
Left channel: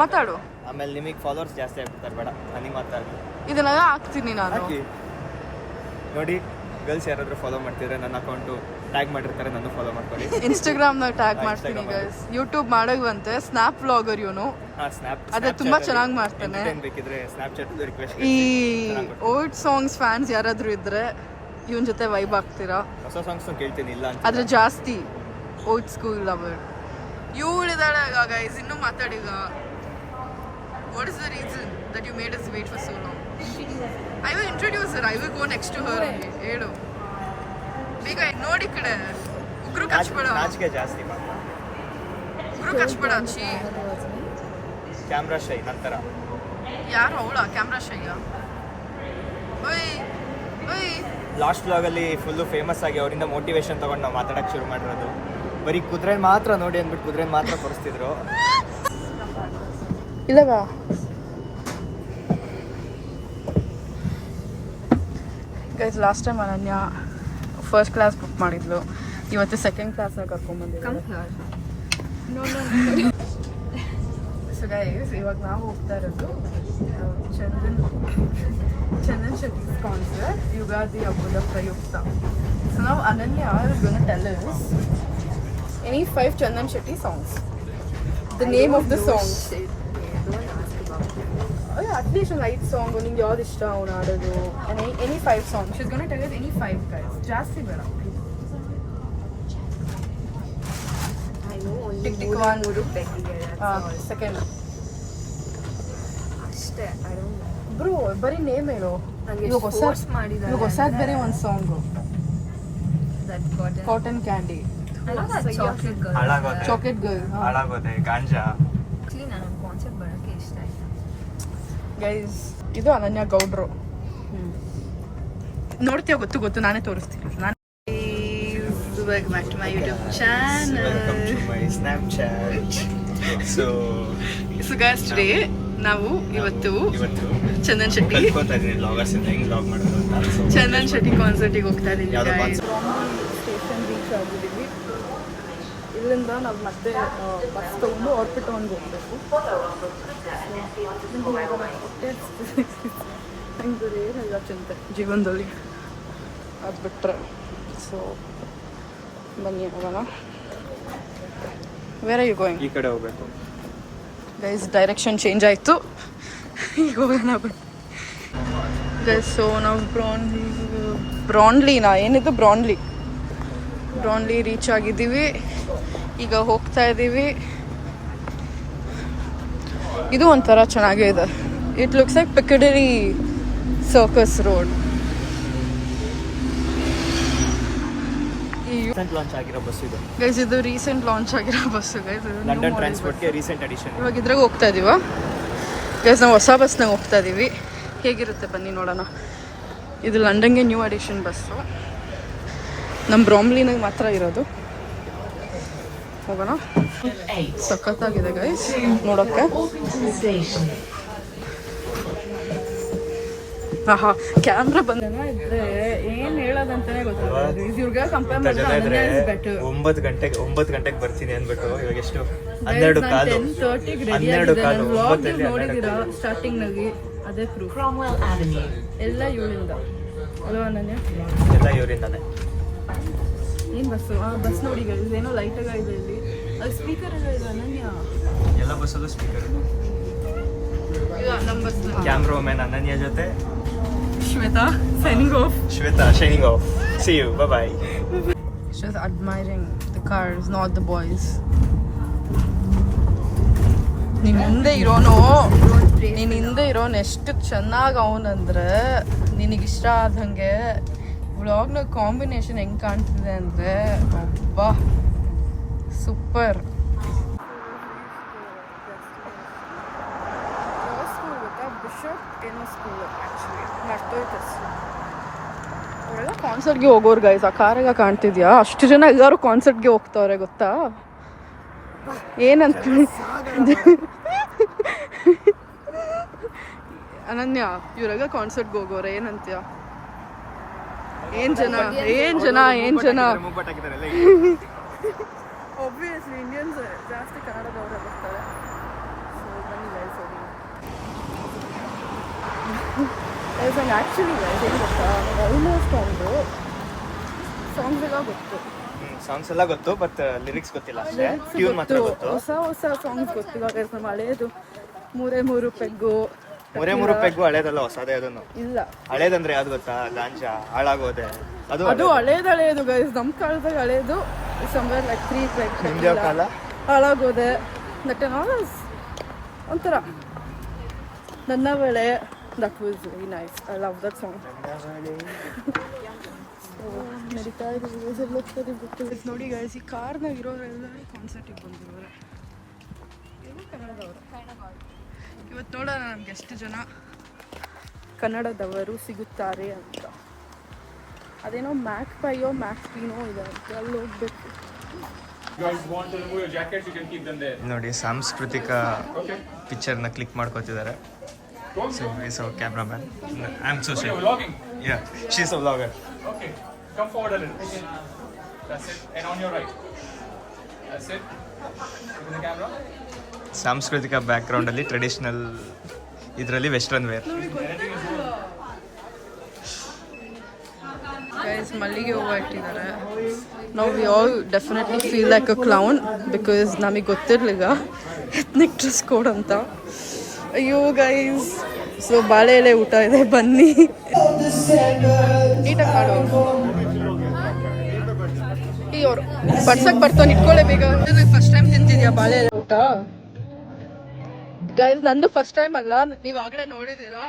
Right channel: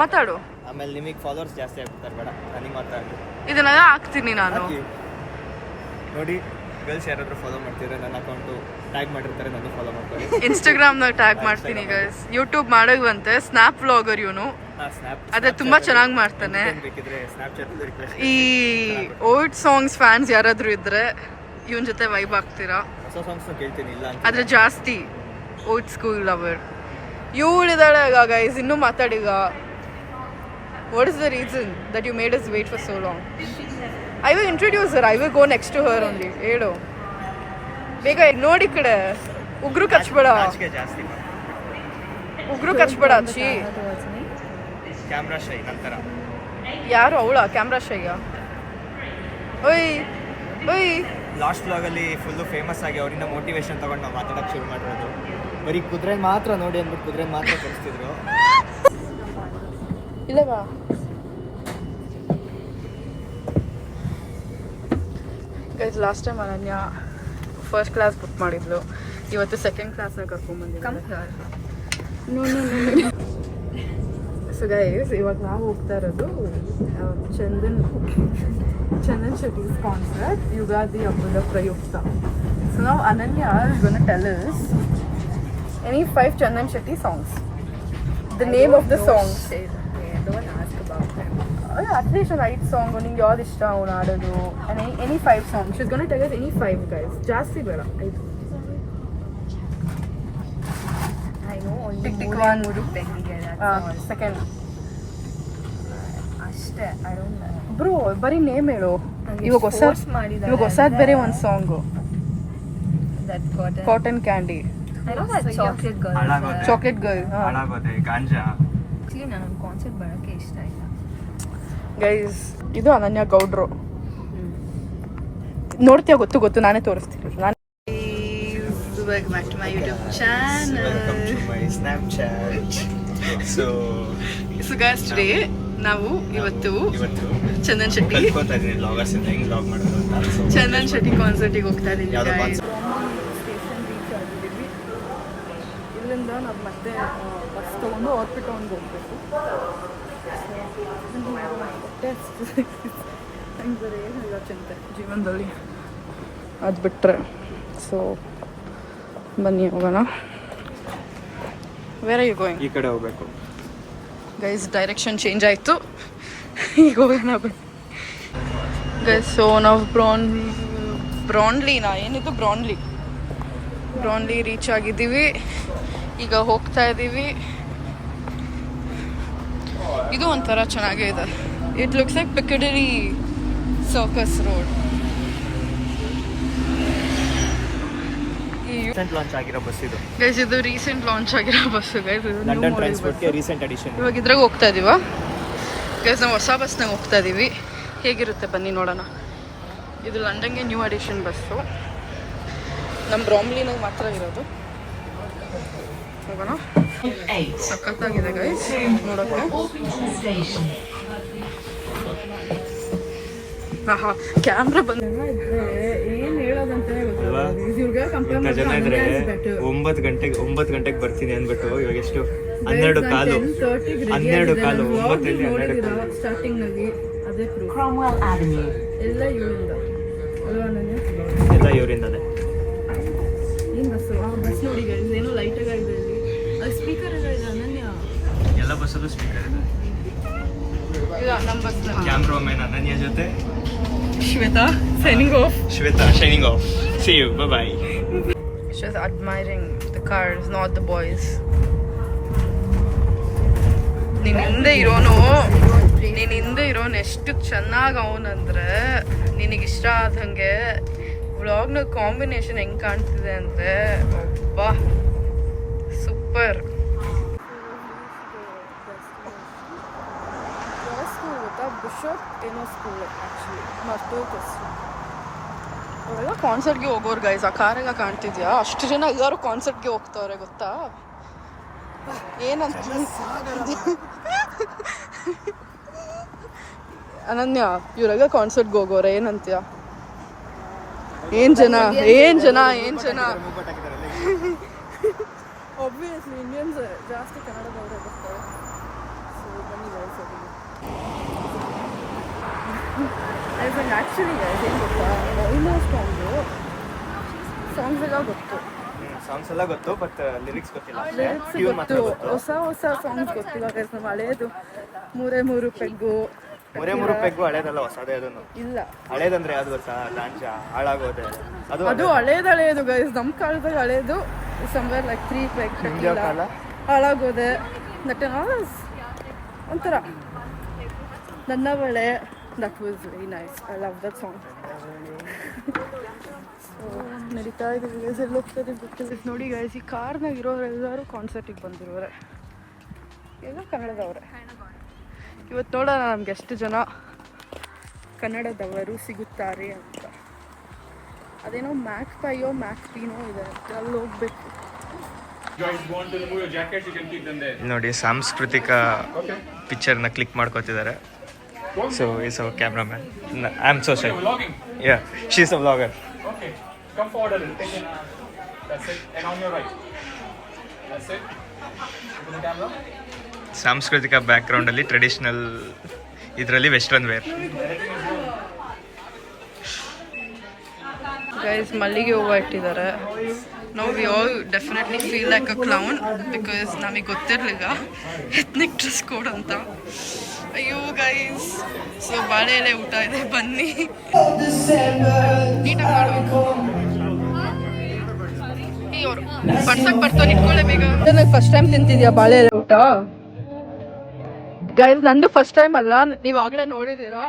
ಮಾತಾಡು. ಆಮೇಲೆ ನಿಮಗೆ ಫಾಲೋವರ್ಸ್ ಜಾಸ್ತಿ ಆಗ್ಬಿಡ್ತಾರೆ. ಬೇಡ, ನನಗೆ ಮಾತಾಡಲಿ. ಇದನ್ನೆಲ್ಲ ಹಾಕ್ತೀನಿ ನಾನು. ನೋಡಿ ಗರ್ಲ್ಸ್ ಯಾರಾದರೂ ಫಾಲೋ ಮಾಡ್ತಿದ್ರೆ ನನ್ನ ಅಕೌಂಟು ಟ್ಯಾಗ್ ಮಾಡಿರ್ತಾರೆ, ನಾನು ಫಾಲೋ ಮಾಡ್ಕೊಳ್ಳಿ. ಇನ್ಸ್ಟಾಗ್ರಾಮ್ನಾಗ ಟ್ಯಾಗ್ ಮಾಡ್ತೀನಿ ಗೈಸ್. ಯೂಟ್ಯೂಬ್ ಮಾಡೋಗಂತೆ ಸ್ನ್ಯಾಪ್ ವ್ಲಾಗರ್ ಇವನು. ಅದೇ ತುಂಬಾ ಚೆನ್ನಾಗಿ ಮಾಡ್ತಾನೆ. ಈ ಓಲ್ಡ್ ಸಾಂಗ್ಸ್ ಫ್ಯಾನ್ಸ್ ಯಾರಾದ್ರೂ ಇದ್ರೆ ಇವನ್ ಜೊತೆ ವೈಬ್ ಆಗ್ತೀರಾ. ಹೊಸ ಸಾಂಗ್ಸ್ ಕೇಳ್ತೀನಿ, ಇಲ್ಲ ಆದ್ರೆ ಜಾಸ್ತಿ ಓಲ್ಡ್ ಸ್ಕೂಲ್ ಲವರ್. ಇವಳಿದಾಳೆ ಗೈಸ್, ಇನ್ನೂ ಮಾತಾಡೀಗ. What is the reason that you made us wait for so long? I will introduce her. I will go next to her only. ಹೇಳು ಬೇಗ. ನೋಡಿ ಕಡೆ ಉಗ್ರು ಕಚ್ಬೇಡ, ಉಗ್ರು ಕಚ್ಬೇಡ. ಅಚ್ಚಿ ಕ್ಯಾಮ್ರಾ ಶೈ ನಂತರ ಯಾರು ಅವಳ ಕ್ಯಾಮ್ರಾ ಶೈಯ? ಓಯ್ ಓಯ್. ಲಾಸ್ಟ್ ವ್ಲಾಗಲ್ಲಿ ಫುಲ್ಲು ಫೇಮಸ್ ಆಗಿ ಅವರಿಂದ ಮೋಟಿವೇಶನ್ ತಗೊಂಡು ನಾವು ಮಾತಾಡೋಕ್ಕೆ ಶುರು ಮಾಡಿರೋದು. ಬರೀ ಕುದುರೆ ಮಾತ್ರ ನೋಡಿ ಅಂದ್ಬಿಟ್ಟು ಕುದುರೆ ಮಾತ್ರ ತೋರಿಸ್ತಿದ್ರು. ಇಲ್ಲವಾ ಗೈಸ್, ಲಾಸ್ಟ್ ಟೈಮ್ ಅನನ್ಯ ಫಸ್ಟ್ ಕ್ಲಾಸ್ ಬುಕ್ ಮಾಡಿದ್ಲು, ಇವತ್ತು ಸೆಕೆಂಡ್ ಕ್ಲಾಸ್ನ ಕರ್ಕೊಂಡ್ಬಂದಿದ್ದೆ. ಸೊ ಗೈಸ್, ಇವಾಗ ನಾವು ಹೋಗ್ತಾ ಇರೋದು ಚಂದನ್ ಶೆಟ್ಟಿ's ಕಾನ್ಸರ್ಟ್, ಯುಗಾದಿ ಹಬ್ಬದ ಪ್ರಯುಕ್ತ. ಸೊ ನಾವು ಅನನ್ಯ is gonna tell us any 5 Chandan Shetty songs. The name of the song. Don't ask about him. At least an 5 song. ನಿಂಗೆ ಯಾವ್ದು ಇಷ್ಟ ಅವನು ಆಡೋದು. Any 5 songs. She's gonna tell us any 5 guys. ಜಾಸ್ತಿ ಬೇಡ, 5. I know only ಮೂರು ಪೆಟ್ಟಿಗೆ. Second ಅಷ್ಟೇ. I don't know. ಬ್ರೋ ಬರೀ ನೇಮ್ ಹೇಳು. ಇವಾಗ ಹೊಸದ್ ಬೇರೆ ಒಂದು song, That cotton candy. I know that chocolate girl. Chocolate girl. ಹಾಳಾಗೋದೆ ಗಾಂಜಾ. Actually ನಾನು ಕಾನ್ಸರ್ಟ್ ಬರೋಕ್ಕೆ ಇಷ್ಟ ಇಲ್ಲ. ಗೈಸ್, ಇದು ಅನನ್ಯ ಗೌಡ್ರು. ನೋಡ್ತೀಯ? ಗೊತ್ತು, ನಾನೇ ತೋರಿಸ್ತೀನಿ. Welcome back to my YouTube channel. Welcome to my Snapchat. So guys, today ನಾವು ಇವತ್ತು ಚಂದನ್ ಶೆಟ್ಟಿ ಕಲ್ತ್ಕೊತಾ ಇದೀನಿ ವ್ಲಾಗರ್ಸ್ ಇಂದ ಹೆಂಗ್ ವ್ಲಾಗ್ ಮಾಡೋದು ಅಂತ. ಚಂದನ್ ಶೆಟ್ಟಿ ಕಾನ್ಸರ್ಟಿಗೆ ಹೋಗ್ತಾ ಇದೀವಿ. ಯಾವ್ದೋ ಸ್ಟೇಷನ್ ರೀಚ್ ಆಗಿದ್ದೀವಿ. ಇಲ್ಲಿಂದ ನಾವು ಮತ್ತೆ ಬಸ್ ತೊಗೊಂಡು ಆರ್ಪಿಟೌನ್ಗೆ ಹೋಗಬೇಕು. ಹೊಟ್ಟೆ ಹಂಗೆ ಏನು ಇಲ್ಲ ಚಿಂತೆ ಜೀವನದಲ್ಲಿ, ಅದು ಬಿಟ್ಟರೆ. ಸೊ ಬನ್ನಿ ಹೋಗೋಣ. Where are you going? ಈ ಕಡೆ ಹೋಗ್ಬೇಕು ಗೈಸ್. ಡೈರೆಕ್ಷನ್ ಚೇಂಜ್ ಆಯಿತು, ಈಗ ಹೋಗೋಣ ಬನ್ನಿ ಗೈಸ್. ಸೊ ನಾವು ಬ್ರಾನ್ಲಿ ರೀಚ್ ಆಗಿದ್ದೀವಿ. ಈಗ ಹೋಗ್ತಾ ಇದ್ದೀವಿ. ಇದು ಒಂಥರ ಚೆನ್ನಾಗೇ ಇದೆ. It looks like Piccadilly Circus road. Launch ಆಗಿರೋ ಬಸ್ ಇದು ಗೈಸ್, ಇದು ರೀಸೆಂಟ್ ಲಾಂಚ್ ಆಗಿರೋ ಬಸ್ಸು ಗೈಸ್. ಇದು ಲಂಡನ್ ಟ್ರಾನ್ಸ್ಪೋರ್ಟ್ಗೆ ರೀಸೆಂಟ್ ಎಡಿಷನ್. ಇವಾಗ ಇದ್ರಾಗ ಹೋಗ್ತಾ ಇದೀವ ಗೈಸ್. ನಾವು ಹೊಸ ಬಸ್ನಾಗ ಹೋಗ್ತಾ ಇದೀವಿ. ಹೇಗಿರುತ್ತೆ ಬನ್ನಿ ನೋಡೋಣ. ಇದು ಲಂಡನ್ಗೆ ನ್ಯೂ ಎಡಿಷನ್ ಬಸ್ಸು. ನಮ್ಮ ಬ್ರಾಮ್ಲಿನಾಗ ಮಾತ್ರ ಇರೋದು. ಹೋಗೋಣ. ಸಖತ್ತಾಗಿದೆ ಗೈಸ್ ನೋಡೋಕ್ಕೆ. ಹಾ, ಕ್ಯಾಮ್ರಾ ಬಂದ ಇದ್ರೆ ಏನು ಹೇಳೋದಂತಾನೆ ಗೊತ್ತಾಗಲ್ಲ. ಇವ್ರಿಗೆ ಕಂಪೇರ್ ಮಾಡಿದ್ರೆ ಅನನ್ಯ ಇಸ್ ಬೆಟರ್. 9 ಗಂಟೆಗೆ ಬರ್ತೀನಿ ಅಂದ್ಬಿಟ್ಟು ಇವಾಗ ಎಷ್ಟು 12:30 ರೆಡಿ ಆಗಿದೆ. ನಾನು ವ್ಲಾಗ್ ನೋಡಿದ್ದೀರಾ ಸ್ಟಾರ್ಟಿಂಗ್ನಾಗಿ, ಅದೇ ಪ್ರೂಫ್. ಎಲ್ಲ ಇವಳಿಂದ ಅಲ್ವಾ ಅನನ್ಯ? ಎಲ್ಲ ಇವರಿಂದಲೇ. ಏನು ಬಸ್ಸು? ಆ ಬಸ್ ನೋಡಿ ಗೈಸ್, ಏನೋ ಲೈಟಾಗಿ ಇದೆ ಇಲ್ಲಿ. ಅದು ಸ್ಪೀಕರ್ ಎಲ್ಲ ಇದೆ ಅನನ್ಯ. ಎಲ್ಲ ಬಸ್ಸಲ್ಲೂ ಸ್ಪೀಕರ್ ಇದೆ. ನಮ್ಮ ಬಸ್ ಕ್ಯಾಮ್ರಾ ಮ್ಯಾನ್ ಅನನ್ಯ ಜೊತೆ Shweta signing off. Shweta signing off. See you. Bye bye. Just admiring the cars, not the boys. ನಿನ್ನ ಹಿಂದೆ ಇರೋನು ಎಷ್ಟು ಚೆನ್ನಾಗಿ ಅವನಂದ್ರೆ, ನಿನಗಿಷ್ಟ ಆದಂಗೆ ವ್ಲಾಗ್ನ ಕಾಂಬಿನೇಷನ್ ಹೆಂಗೆ ಕಾಣ್ತಿದೆ ಅಂದರೆ ಒಬ್ಬ ಸೂಪರ್. ಬಿಷಪ್ ಏನೋ ಸ್ಕೂಲ್ ಆ್ಯಕ್ಚುಲಿ ಮರ್ತೋಯ್ತು ಹೆಸರು. ಅವರೆಲ್ಲ ಕಾನ್ಸರ್ಟ್ಗೆ ಹೋಗೋರು ಗೈಸ್. ಆ ಕಾರಾಗ ಕಾಣ್ತಿದ್ಯಾ? ಅಷ್ಟು ಜನ ಎಲ್ಲರೂ ಕಾನ್ಸರ್ಟ್ಗೆ ಹೋಗ್ತಾವ್ರೆ ಗೊತ್ತಾ? ಏನಂತ ಅನನ್ಯ, ಇವ್ರಾಗ ಕಾನ್ಸರ್ಟ್ಗೆ ಹೋಗೋರೆ ಏನಂತೀಯ? ಏನ್ ಜನ ಒಬ್ವಿಯಸ್ಲಿ ಇಂಡಿಯನ್ಸ್ ಜಾಸ್ತಿ ಕನ್ನಡದವರೇ ಬರ್ತಾರೆ. ಸೊ ಬನ್ನಿ ಗೈಸ್ ಹೋಗೋಣ. ಆ್ಯಕ್ಚುಲಿ ಗೈಸ್ ಏನು ಗೊತ್ತಾ, ನಂಗೆ ಆಲ್ಮೋಸ್ಟ್ ಒಂದು ಸಾಂಗ್ಸ್ ಎಲ್ಲ ಗೊತ್ತು. ಸಾಂಗ್ಸ್ ಎಲ್ಲ ಗೊತ್ತು ಬಟ್ ಲಿರಿಕ್ಸ್ ಗೊತ್ತಿಲ್ಲ. ಲಿರಿಕ್ಸ್ ಗೊತ್ತು, ಹೊಸ ಹೊಸ ಸಾಂಗ್ಸ್ ಗೊತ್ತಿಲ್ಲ ಗೈಸ್. ನಮ್ಮ ಹಳೇದು 3 ಪೆಗ್ಗು ಪೆಗ್ಗು ಹಳೇದಲ್ಲ, ಹೊಸದೇ ಅದನ್ನು. ಇಲ್ಲ, ಹಳೇದಂದ್ರೆ ಯಾವ್ದು ಗೊತ್ತಾ? ಗಾಂಜಾ ಹಾಳಾಗೋದೆ ಅದು ಹಳೇದು ಗೈಸ್. ನಮ್ಮ ಕಾಲದಾಗ ಹಳೇದು ಸಂವೇರ್ ಲೈಕ್ 3 ಪೆಗ್ ಟೆಕ್ಕಿಲ್ಲ ಹಾಳಾಗೋದೆ. ದಟ್ ಒಂಥರ ನನ್ನ ವೇಳೆ. That was very nice. I love that song. So ನಡೀತಾ ಇದ್ದೀವಿ ಗೈಸ್. ಎಲ್ಲ ಹೋಗ್ತದೆ ಗೊತ್ತಿಲ್ಲ ನೋಡಿ ಗೈಸ್. ಈ ಕಾರ್ನಾಗ ಇರೋರೆಲ್ಲರೂ ಕಾನ್ಸರ್ಟಿಗೆ ಬಂದಿರೋರೆ, ಎಲ್ಲ ಕನ್ನಡದವ್ರೆ. ಇವತ್ತು ನೋಡೋಣ ನಮ್ಗೆ ಎಷ್ಟು ಜನ ಕನ್ನಡದವರು ಸಿಗುತ್ತಾರೆ ಅಂತ. ಅದೇನೋ ಮ್ಯಾಕ್ ಪೀನೋ ಇದೆ, ಅಲ್ಲಿ ಹೋಗ್ಬೇಕು. ನೋಡಿ ಸಾಂಸ್ಕೃತಿಕ ಪಿಕ್ಚರ್ನ ಕ್ಲಿಕ್ ಮಾಡ್ಕೋತಿದ್ದಾರೆ. So is our cameraman. I am so shy. Yeah, she is a vlogger. Okay, come forward a little. That's it. And on your right. That's it. Open the camera. ಸಾಂಸ್ಕೃತಿಕ ಬ್ಯಾಕ್ಗ್ರೌಂಡ್ ಅಲ್ಲಿ traditional, ಇದರಲ್ಲಿ western wear. Guys ಮಲ್ಲಿಗೆ ಹೂವು ಇಟ್ಟಿದ್ದಾರೆ. ನಾವು we all definitely feel like a clown because ನಮಗೆ ಗೊತ್ತಿರಲಿಲ್ಲ ethnic dress code ಅಂತ. ಅಯ್ಯೋ ಗೈಸ್, ಸೊ ಬಾಳೆ ಎಲೆ ಊಟ ಇದೆ, ಬನ್ನಿ. ಬರ್ಸಕ್ ಬರ್ತಾನೆ, ಇಟ್ಕೊಳ್ಳೆ ಬೇಗ. ಫಸ್ಟ್ ಟೈಮ್ ತಿಂತಿದ್ಯಾ ಬಾಳೆ ಎಲೆ ಊಟ? ಗೈಸ್ ನಂದು ಫಸ್ಟ್ ಟೈಮ್ ಅಲ್ಲ, ನೀವು ಆಗಲೇ ನೋಡಿದ್ದೀರಾ.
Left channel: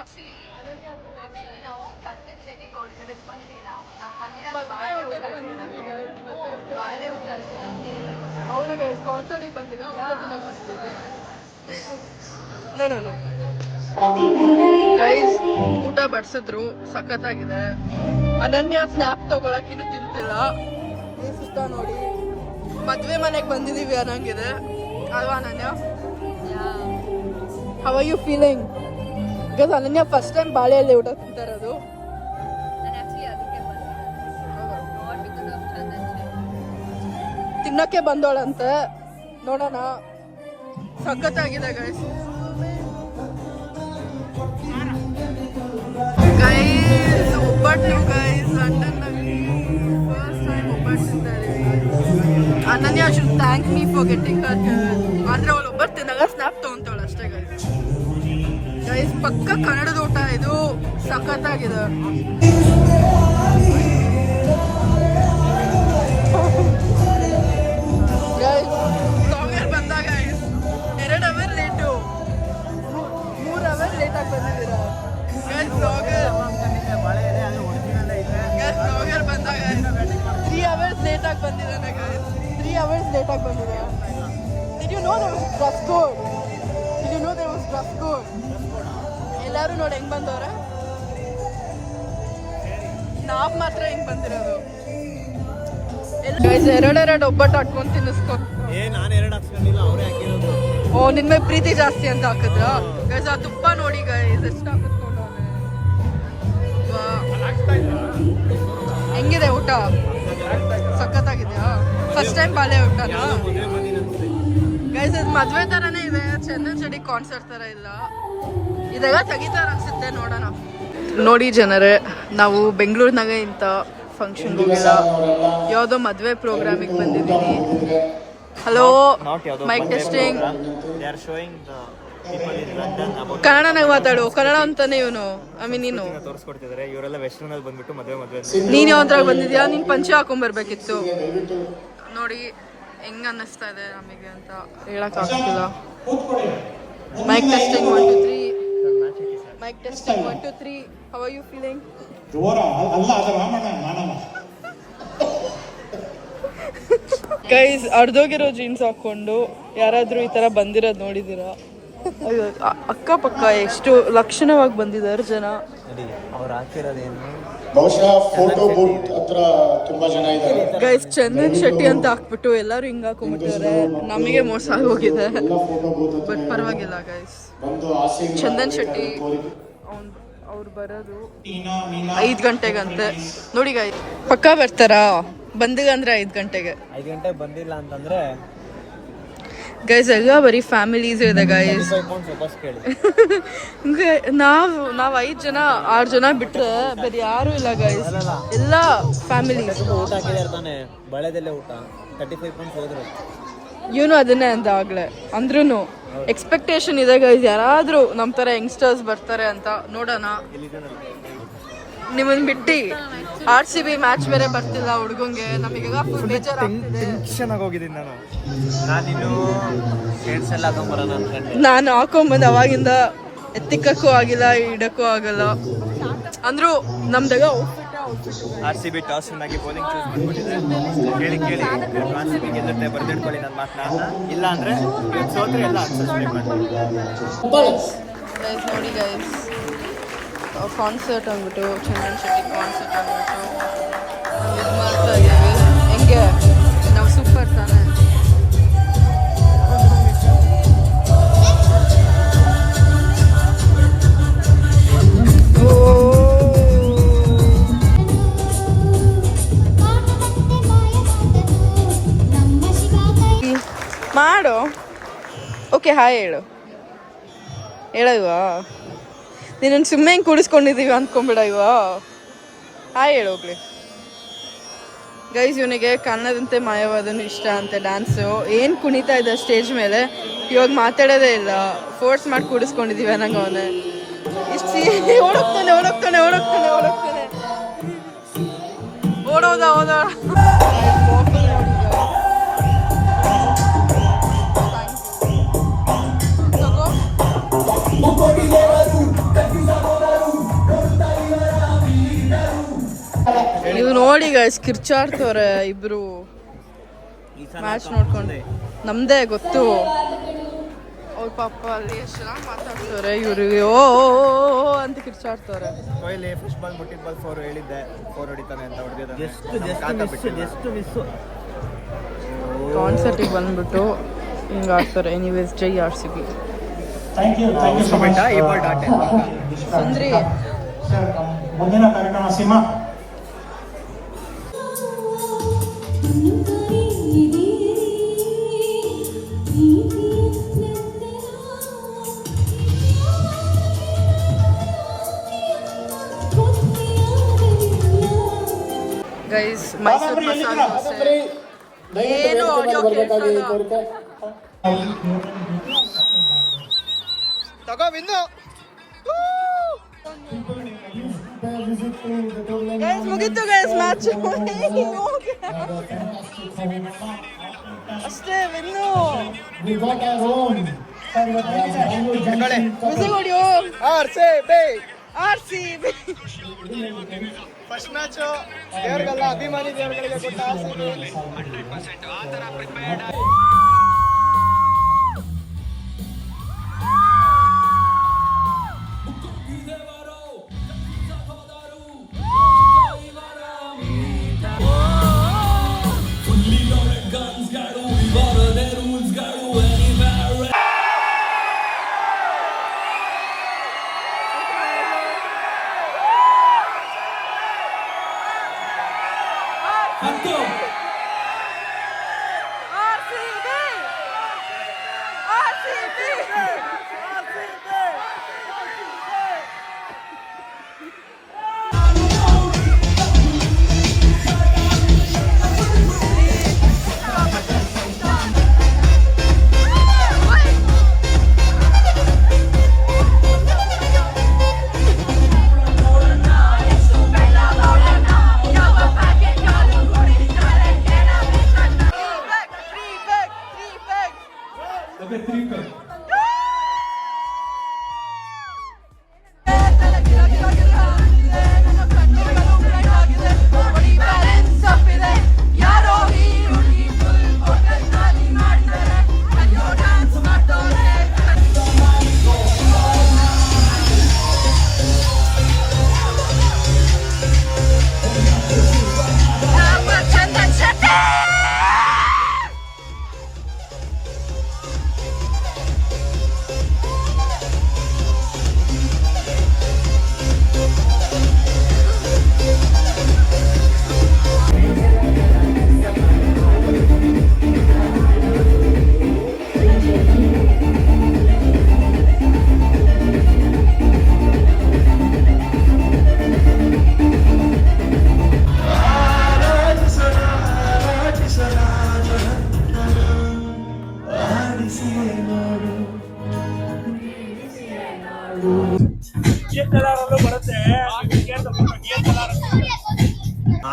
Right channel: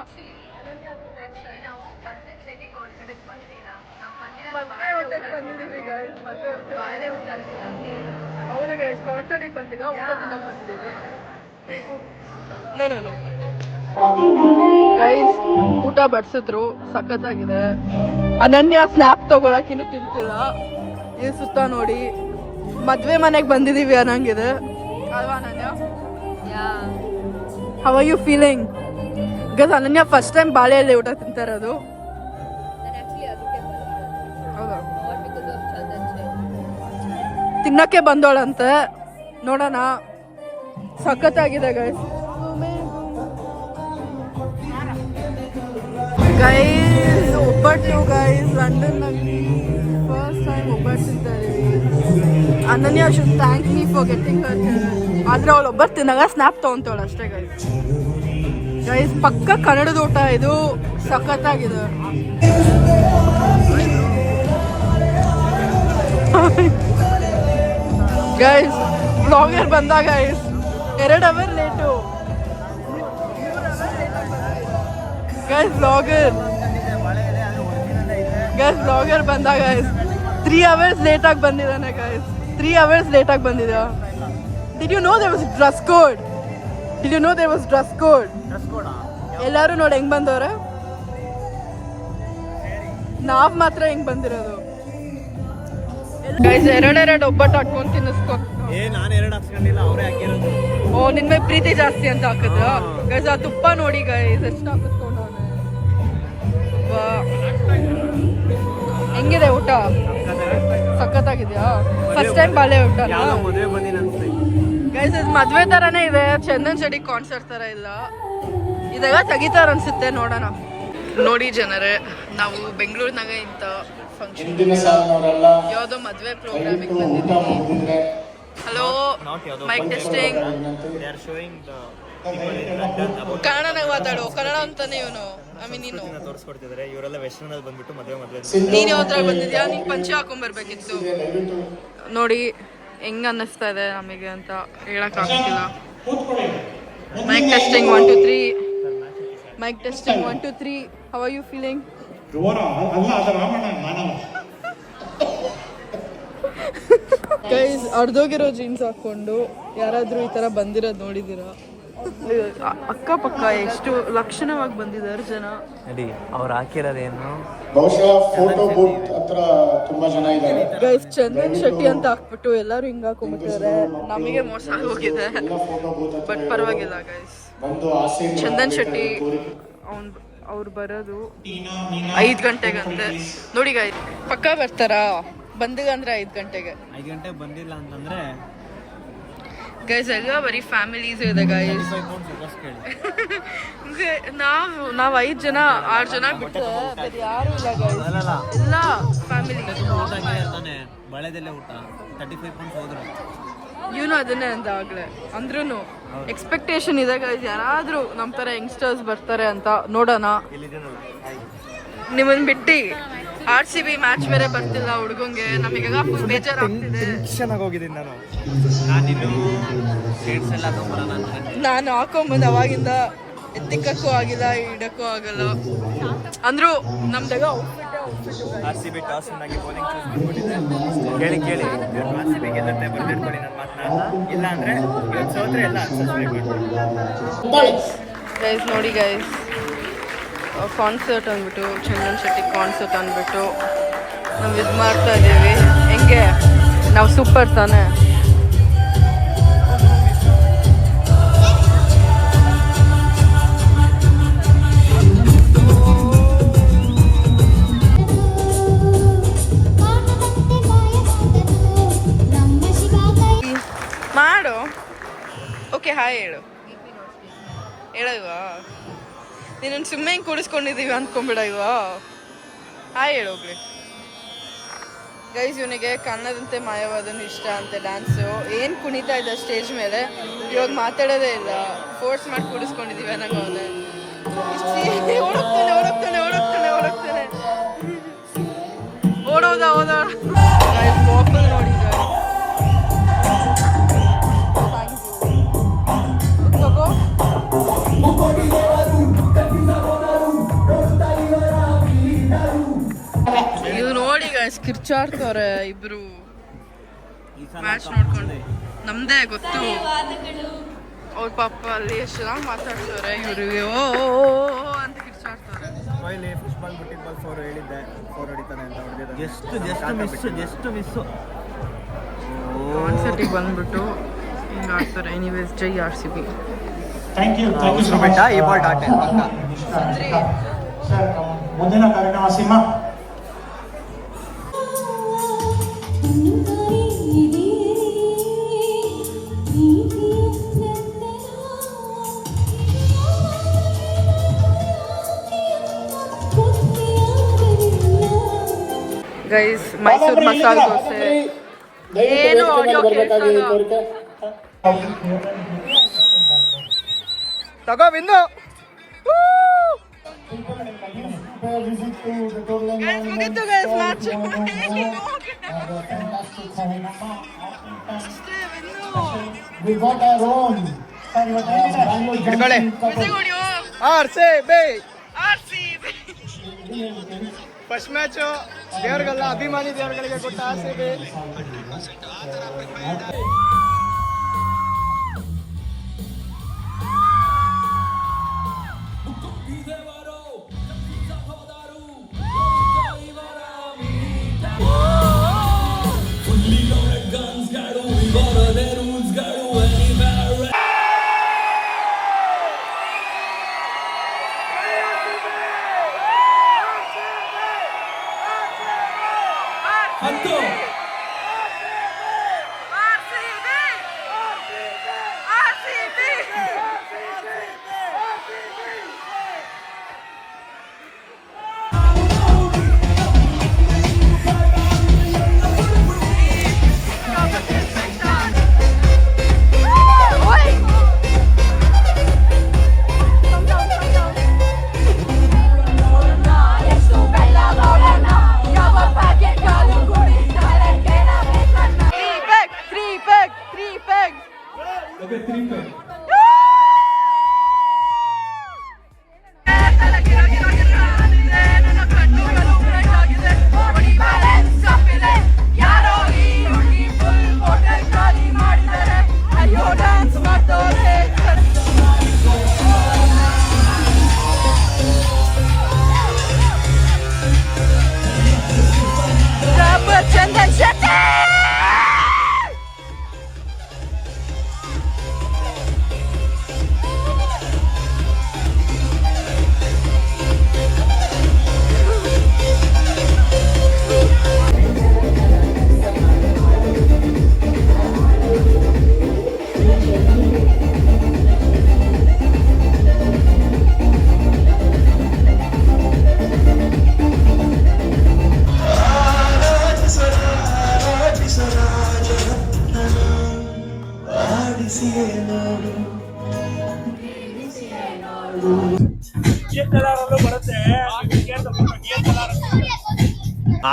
ಗೈಸ್ ಊಟ ಬಡ್ಸಿದ್ರು, ಸಖತ್ತಾಗಿದೆ. ಅನನ್ಯ ಸ್ನ್ಯಾಪ್ ತಗೊಳಕ್ ಇನ್ನು ತಿಂತಿಲ್ಲ. ಈ ಸುತ್ತ ನೋಡಿ, ಮದ್ವೆ ಮನೆಗೆ ಬಂದಿದೀವಿ ಅನ್ನಂಗಿದೆ ಅಲ್ವಾ ಅನನ್ಯ? How are you feeling? Because Ananya first time ಬಾಳೆ ಎಲೆ ಊಟ ತಿಂತಾ ಇರೋದು. ತಿನ್ನಕ್ಕೆ ಬಂದೋಳಂತೆ, ನೋಡೋಣ. ಸಖತ್ತಾಗಿದೆ ಗೈಸ್. ಗೈಸ್ ಒಬ್ಬಟ್ಟು ಗೈಸ್, ಲಂಡನ್ನಲ್ಲಿ ಫಸ್ಟ್ ಟೈಮ್ ಒಬ್ಬಟ್ಟು ತಿಂತಾ ಇದೀವಿ. ಅನನ್ಯ should thank me for getting Har here. ಆದ್ರೆ ಅವಳು ಒಬ್ಬಟ್ಟು ತಿಂದಾಗ ಸ್ನ್ಯಾಪ್ ತಗೊಂತಾವಳು ಅಷ್ಟೇ ಗೈಸ್. ಗೈಸ್ ಪಕ್ಕ ಕನ್ನಡದ ಊಟ ಇದು, ಸಖತ್ತಾಗಿದೆ. ಗೈಸ್ ಬ್ಲಾಗರ್ ಬಂದಾಗ 2 ಅವರ್ ಲೇಟು, 3 ಅವರ್ ಲೇಟಾಗಿ ಬಂದಿದ್ದೀರಾ ಗೈಸ್. ಬ್ಲಾಗರ್ ಬಂದಾಗ 3 ಅವರ್ಸ್ ಲೇಟಾಗಿ ಬಂದಿದ್ದಾನೆ ಗೈಸ್. 3 ಅವರ್ಸ್ ಲೇಟಾಗಿ ಬಂದಿದ್ದ. Did you know there was dress code? Did you know there was dress code? ಎಲ್ಲರೂ ನೋಡಿ ಹೆಂಗ್ ಬಂದವ್ರೆ, ನಾವ್ ಮಾತ್ರ ಹೆಂಗ್ ಬಂದಿರೋದು. ಗೈಸ್ 2 ಒಬ್ಬಟ್ಟು ಹಾಕೊಂಡು ತಿನ್ನಿಸ್ಕೊ. ನಾನು 2 ಹಾಕ್ಸ್ಕೊಂಡಿಲ್ಲ, ಅವರೇ ಹಾಕಿರೋದು. ಓ, ನಿನ್ ಮೇಲೆ ಪ್ರೀತಿ ಜಾಸ್ತಿ ಅಂತ ಹಾಕಿದ್ರ ಗೈಸ್. ಆ ತುಪ್ಪ ನೋಡಿ ಗೈಸ್ ಎಷ್ಟು ಹಾಕಿಸ್ಕೊಂಡವನೆ. ಹೆಂಗಿದೆ ಊಟ? ಸಖತ್ತಾಗಿದ್ಯಾ? ಫಸ್ಟ್ ಟೈಮ್ ಬಾಳೆ ಊಟನಾ ಗೈಸ್? ಇದು ಮದ್ವೆ ತರಾನೇ ಇದೆ, ಚಂದನ್ ಶೆಟ್ಟಿ ಕಾನ್ಸರ್ಟ್ ತರ ಇಲ್ಲ. ಇದಾಗ ತೆಗಿತಾರ ಅನ್ಸುತ್ತೆ, ನೋಡೋಣ. ನೋಡಿ ಜನರೇ, ನಾವು ಬೆಂಗಳೂರಿನಾಗ ಇಂಥ ಫಂಕ್ಷನ್ ಯಾವುದೋ ಮದ್ವೆ ಪ್ರೋಗ್ರಾಮಿಗೆ ಬಂದಿದ್ದೀವಿ. Hello, mic testing. ಕನ್ನಡನಾಗ ಮಾತಾಡು, ಕನ್ನಡ ಅಂತಾನೆ ಇವನು. ನೀನು ತೋರಿಸ್ಕೊಡ್ತಿದ್ದಾರೆ. ಇವರೆಲ್ಲ ವೆಸ್ಟರ್ನ್ ಅಲ್ಲಿ ಬಂದ್ಬಿಟ್ಟು ಮದ್ವೆ ನೀನ್ ಯಾವ್ದ್ರಾಗ ಬಂದಿದ್ಯಾ? ನೀನ್ ಪಂಚೆ ಹಾಕೊಂಡ್ ಬರ್ಬೇಕಿತ್ತು. ನೋಡಿ ಹೆಂಗ್ ಅನ್ನಿಸ್ತಾ ಇದೆ ನಮಗೆ ಅಂತ ಹೇಳಕ್ ಆಗ್ತಿಲ್ಲ. Mic testing 1 2 3. Mic testing 1 2 3. How are you feeling? Guys ಅರ್ಧೋಗಿರೋ ಜೀನ್ಸ್ ಹಾಕೊಂಡು ಯಾರಾದ್ರೂ ಈ ತರ ಬಂದಿರೋದು ನೋಡಿದೀರಾ? ಅಕ್ಕಪಕ್ಕ ಎಷ್ಟು ಲಕ್ಷಣವಾಗಿ ಬಂದಿದ್ದಾರೆ ಜನ. ಅವ್ರು ಹಾಕಿರೋದೇನು ಚಂದನ್ ಶೆಟ್ಟಿ ಅಂತ ಹಾಕ್ಬಿಟ್ಟು ಎಲ್ಲರೂ ಹಿಂಗ್ ಹಾಕೊಂಡ್ಬಿಟ್ಟಿದ್ದಾರೆ. ನಮಗೆ ಮೋಸ ಆಗೋಗಿದೆ, ಬಟ್ ಪರವಾಗಿಲ್ಲ ಗೈಸ್. ಚಂದನ್ ಶೆಟ್ಟಿ ಅವ್ರು ಬರೋದು 5 ಗಂಟೆಗಂತೆ. ನೋಡಿ ಗೈಸ್ ಪಕ್ಕ ಬರ್ತಾರಾ? ಬಂದಿಲ್ಲ ಅಂದ್ರೆ 5 ಗಂಟೆಗೆ. 5 ಗಂಟೆಗೆ ಬಂದಿಲ್ಲ ಅಂತಂದ್ರೆ ಗೈಸ್ ಎಲ್ಲ ಬರೀ ಫ್ಯಾಮಿಲೀಸ್ ಇದೆ ಗೈಸ್. ನಾವು 5 ಜನ 6 ಜನ ಬಿಟ್ಟರೆ ಬೇರೆ ಯಾರು ಇಲ್ಲ ಗೈಸ್, ಎಲ್ಲ ಫ್ಯಾಮಿಲಿ. ಬಳೆದಲ್ಲೇ ಊಟ 35 ಪೌಂಡ್ಸ್ ಹೋದ್ರು. ಇವನು ಅದನ್ನೇ ಅಂತ ಆಗ್ಲೇ ಅಂದ್ರೂ ಎಕ್ಸ್ಪೆಕ್ಟೇಷನ್ ಇದೆ ಗೈಸ್, ಯಾರಾದ್ರೂ ನಮ್ಮ ಥರ ಯಂಗ್ಸ್ಟರ್ಸ್ ಬರ್ತಾರೆ ಅಂತ. ನೋಡೋಣ. ನಿಮ್ಮನ್ನ ಬಿಟ್ಟು RCB ಮ್ಯಾಚ್ ಬೇರೆ ಬರ್ತಿಲ್ಲ ಹುಡುಗಂಗೆ, ನಮಗೆಲ್ಲ ಫುಲ್ ಬೇಜಾರಾಗ್ತಿದೆ. ಟೆನ್ಷನ್ ಆಗೋಗಿದ್ದೀನಿ ನಾನು. ನಾನು ಹಾಕೊಂಬಂದು ಅವಾಗಿಂದ ಎತ್ತಿಕ್ಕೂ ಆಗಿಲ್ಲ, ಇಡಕ್ಕೂ ಆಗಲ್ಲ. ಅಂದ್ರು ನಮ್ದಾಗ RCB ಟಾಸ್ ಆಗಿ ಕೇಳಿ ಕೇಳಿ RCB ಗೆಲ್ಲುತ್ತೆ ಬರ್ದಿಟ್ಕೊಳ್ಳಿ ನನ್ನ ಮಾತನ್ನ. ಇಲ್ಲ ಅಂದ್ರೆ ಇವತ್ತು ಸೋತ್ರೆ ಎಲ್ಲ ಸಬ್ಸ್ಕ್ರೈಬ್ ಮಾಡಿ ಗೈಸ್. ನೋಡಿ ಗೈಸ್, ಕಾನ್ಸರ್ಟ್ ಅಂದ್ಬಿಟ್ಟು ಚಂದನ್ ಶೆಟ್ಟಿ ಕಾನ್ಸರ್ಟ್ ಅಂದ್ಬಿಟ್ಟು ನಾವು ಇದು ಮಾಡ್ತಾ ಇದ್ದೀವಿ. ಹೆಂಗೆ ನಾವು ಸೂಪರ್ ತಾನೆ. ಮಾಡು. ಓಕೆ ಹಾಯ್ ಹೇಳು ಇವಾ ನೀನು ಸುಮ್ಮನೆ ಹಿಂಗೆ ಕೂಡಿಸ್ಕೊಂಡಿದ್ದೀವಿ ಅಂದ್ಕೊಂಬಿಡ ಇವಾ. ಹಾಯ್ ಹೇಳು ಹೋಗ್ಲಿ. ಗೈಸ್, ಇವನಿಗೆ ಕನ್ನದಂತೆ ಮಾಯವಾದನು ಇಷ್ಟ ಅಂತೆ ಡ್ಯಾನ್ಸು. ಏನು ಕುಣಿತಾ ಇದ್ದ ಸ್ಟೇಜ್ ಮೇಲೆ, ಇವಾಗ ಮಾತಾಡೋದೇ ಇಲ್ಲ. ಫೋರ್ಸ್ ಮಾಡಿ ಕೂಡಿಸ್ಕೊಂಡಿದ್ದೀವಿ ಅನ್ನಂಗೆ ಅವನೇ. ಇಷ್ಟು ಓಡೋಗ್ತಾನೆ ಓಡೋಗ್ತಾನೆ ಓಡೋಗ್ತಾನೆ ಓಡೋಗ್ತಾನೆ ಓಡೋದ ಓದ. ವಾಫಲ್ ನೋಡಿ ತಗೋ. ಇವ್ ನೋಡಿ ಗೈಸ್ ಕಿರ್ಚಾಡ್ತವ್ರೆ ಇಬ್ರು ಮ್ಯಾಚ್ ನೋಡ್ಕೊಂಡು. ನಮ್ದೇ ಗೊತ್ತು ಅವ್ರ ಪಾಪ ಅಲ್ಲಿ ಎಷ್ಟು ಚೆನ್ನಾಗಿ ಮಾತಾಡ್ತವ್ರೆ. ಇವರು ಓ ಅಂತ ಕಿರ್ಚಾಡ್ತವ್ರೆ. ಫಸ್ಟ್ ಬಾಲ್ ಮುಟ್ಟಿದ ಬಾಲ್ 4 ಹೇಳಿದ್ದೆ, 4 ಹೊಡಿತಾನೆ ಅಂತ ಹೊಡೆದಿದ್ದೆ. Just miss. ಕಾನ್ಸರ್ಟಿಗೆ ಬಂದ್ಬಿಟ್ಟು ಹಿಂಗೆ ಆಡ್ತಾರೆ. ಎನಿವೇಸ್ ಜೈ RCB. ಮುಂದಿನ ಕಾರ್ಯಕ್ರಮ ಸಿಂಹ. ಗೈಸ್, ಮೈಸೂರು ಮಸಾಲೆ ದೋಸೆ ಏನು ಆಡಿಯೋ ಕೇಳ್ಸಲ್ಲ. ತಗೋ ಬಿಂದು. ಗೈಸ್ ಮುಗೀತು ಗೈಸ್ ಮ್ಯಾಚ್. ಅಷ್ಟೇ RCB ಫಸ್ಟ್ ಮ್ಯಾಚ್ ದೇವರಿಗೆಲ್ಲ ಅಭಿಮಾನಿ ದೇವರುಗಳಿಗೆ ಕೊಟ್ಟ 100% ಆ ಥರ ಪ್ರಿಪೇರ್ಡ್. RCB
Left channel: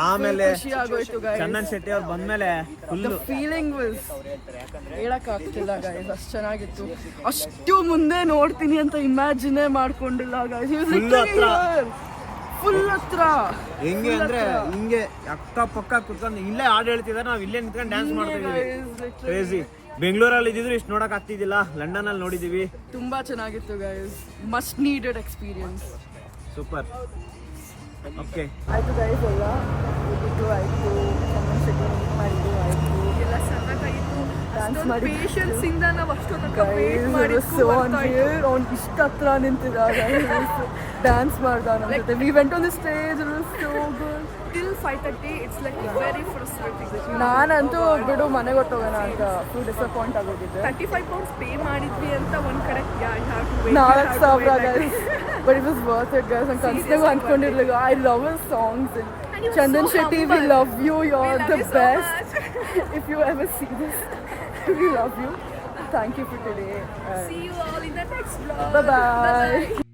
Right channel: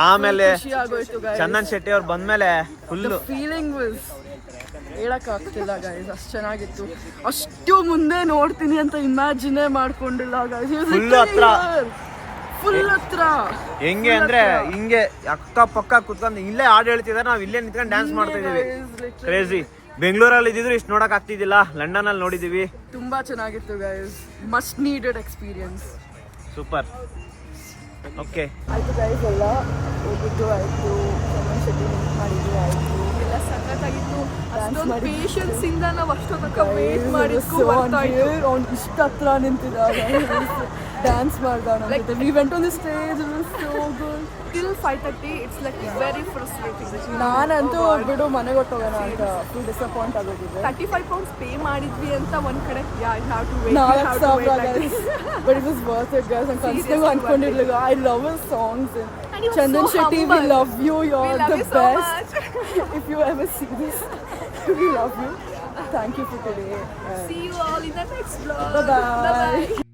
ಆಮೇಲೆ ಖುಷಿ ಆಗೋಯ್ತು guys. ಚಂದನ್ ಶೆಟ್ಟಿ ಅವ್ರು ಬಂದ್ಮೇಲೆ ಫುಲ್ The feeling was ಹೇಳಕ್ಕಾಗ್ತಿಲ್ಲ ಗೈಸ್, ಅಷ್ಟು ಚೆನ್ನಾಗಿತ್ತು. ಅಷ್ಟು ಮುಂದೆ ನೋಡ್ತೀನಿ ಅಂತ ಇಮ್ಯಾಜಿನೇ ಮಾಡ್ಕೊಂಡಿಲ್ಲ ಗೈಸ್. ಫುಲ್ ಹತ್ರ ಹೆಂಗೆ ಅಂದ್ರೆ ಹಿಂಗೆ ಅಕ್ಕ ಪಕ್ಕ ಕುತ್ಕೊಂಡು ಇಲ್ಲೇ ಹಾಡು ಹೇಳ್ತಿದ್ದಾರೆ, ನಾವು ಇಲ್ಲೇ ನಿಂತ್ಕೊಂಡು ಡ್ಯಾನ್ಸ್ ಮಾಡ್ತಾ ಇದೀವಿ. ಕ್ರೇಜಿ. ಬೆಂಗಳೂರಲ್ಲಿ ಇದ್ದಿದ್ರು ಇಷ್ಟು ನೋಡಕ್ ಆಗ್ತಿದ್ದಿಲ್ಲ, ಲಂಡನ್ ಅಲ್ಲಿ ನೋಡಿದೀವಿ. ತುಂಬಾ ಚೆನ್ನಾಗಿತ್ತು guys, must needed experience. Super. Okay ಆಯ್ತು ಗೈಸ್, ಎಲ್ಲ ಹೋಗಿದ್ದು ಆಯ್ತು, ಚಂದನ್ ಶೆಟ್ಟಿ ಮೀಟ್ ಮಾಡಿದ್ದು ಆಯ್ತು, ಎಲ್ಲ ಸಖತ್ತಾಗಿತ್ತು. ಡ್ಯಾನ್ಸ್ ಮಾಡಿ ಪೇಷನ್ಸ್ ಇಂದ ನಾವು ಅವ್ನು ಇಷ್ಟ ಹತ್ರ ನಿಂತಿದ್ದಾಗ ಡ್ಯಾನ್ಸ್ ಮಾಡ್ದ ನಮ್ಮ ಜೊತೆ. We went on the stage, it was so good. Till 5:30 it's like very frustrating. ನಾನಂತೂ ಬಿಡು ಮನೆಗೆ ಹೊಟ್ಟೋಗೋಣ ಅಂತ ಫುಲ್ ಡಿಸಪಾಯಿಂಟ್ ಆಗೋಗಿದ್ದೆ. 35 pounds ಪೇ ಮಾಡಿದ್ವಿ ಅಂತ ಒಂದ್ ಕಡೆ 4,000 guys, but it was worth it guys. ನಾನು ಕನ್ಸ್ನಾಗೂ ಅನ್ಕೊಂಡಿರ್ಲಿಲ್ಲ. I love his songs. Chandan Shetty, we love you. You're the best. If you ever see this, we love you. Thank you for today. See you all in the next vlog. Bye bye.